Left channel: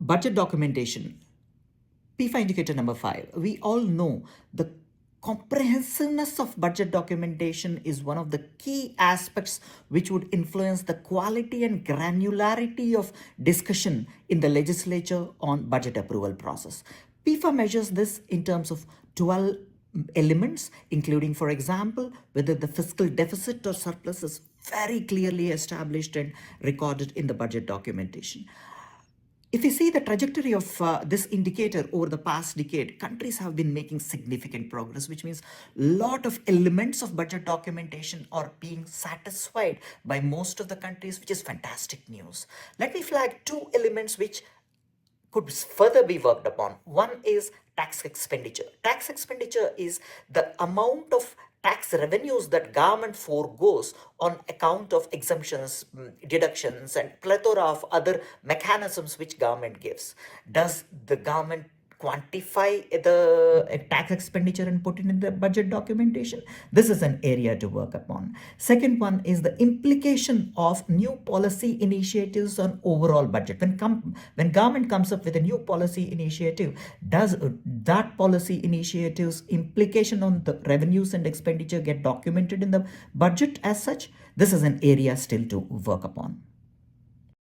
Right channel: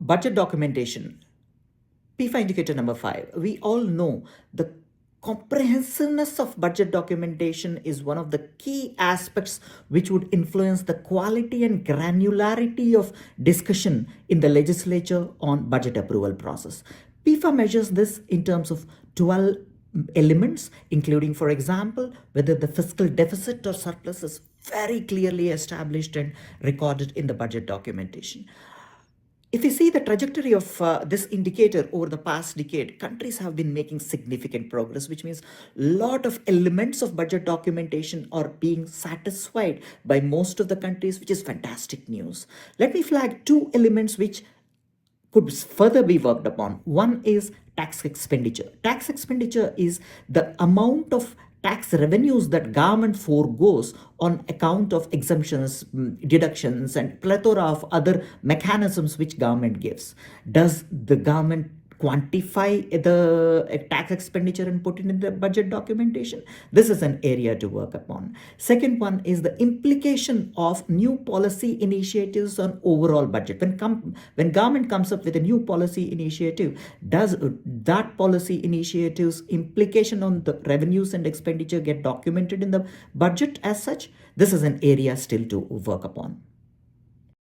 Budget documentation. PEFA indicator number 5. We all know the comprehensiveness of budget documentation is one of the key aspects which would influence the quality and granularity of discussion in the legislature on budget approval process. PEFA measures this in terms of 12 elements, including, for example, whether the fiscal deficit or surplus is very clearly established and recorded in the budget documentation. If you see the trajectory of this indicator over the past decade, countries have been making significant progress, which means a lot of elements of budget documentation are being satisfied by most of the countries, which is fantastic news. Let me flag two elements which could further be worked upon. One is tax expenditure. Tax expenditure is the amount of tax revenues that government foregoes on account of exemptions, deductions, and plethora of other mechanisms which government gives. Does the government quantify the tax expenditure and put it in the budget documentation? This is an area to work upon. Second one is the implication of new policy initiatives on overall budget. When government comes up with a new policy initiative, does that policy initiative's implication on the revenues and expenditure get documented in the budget as such? This is an area still to work upon.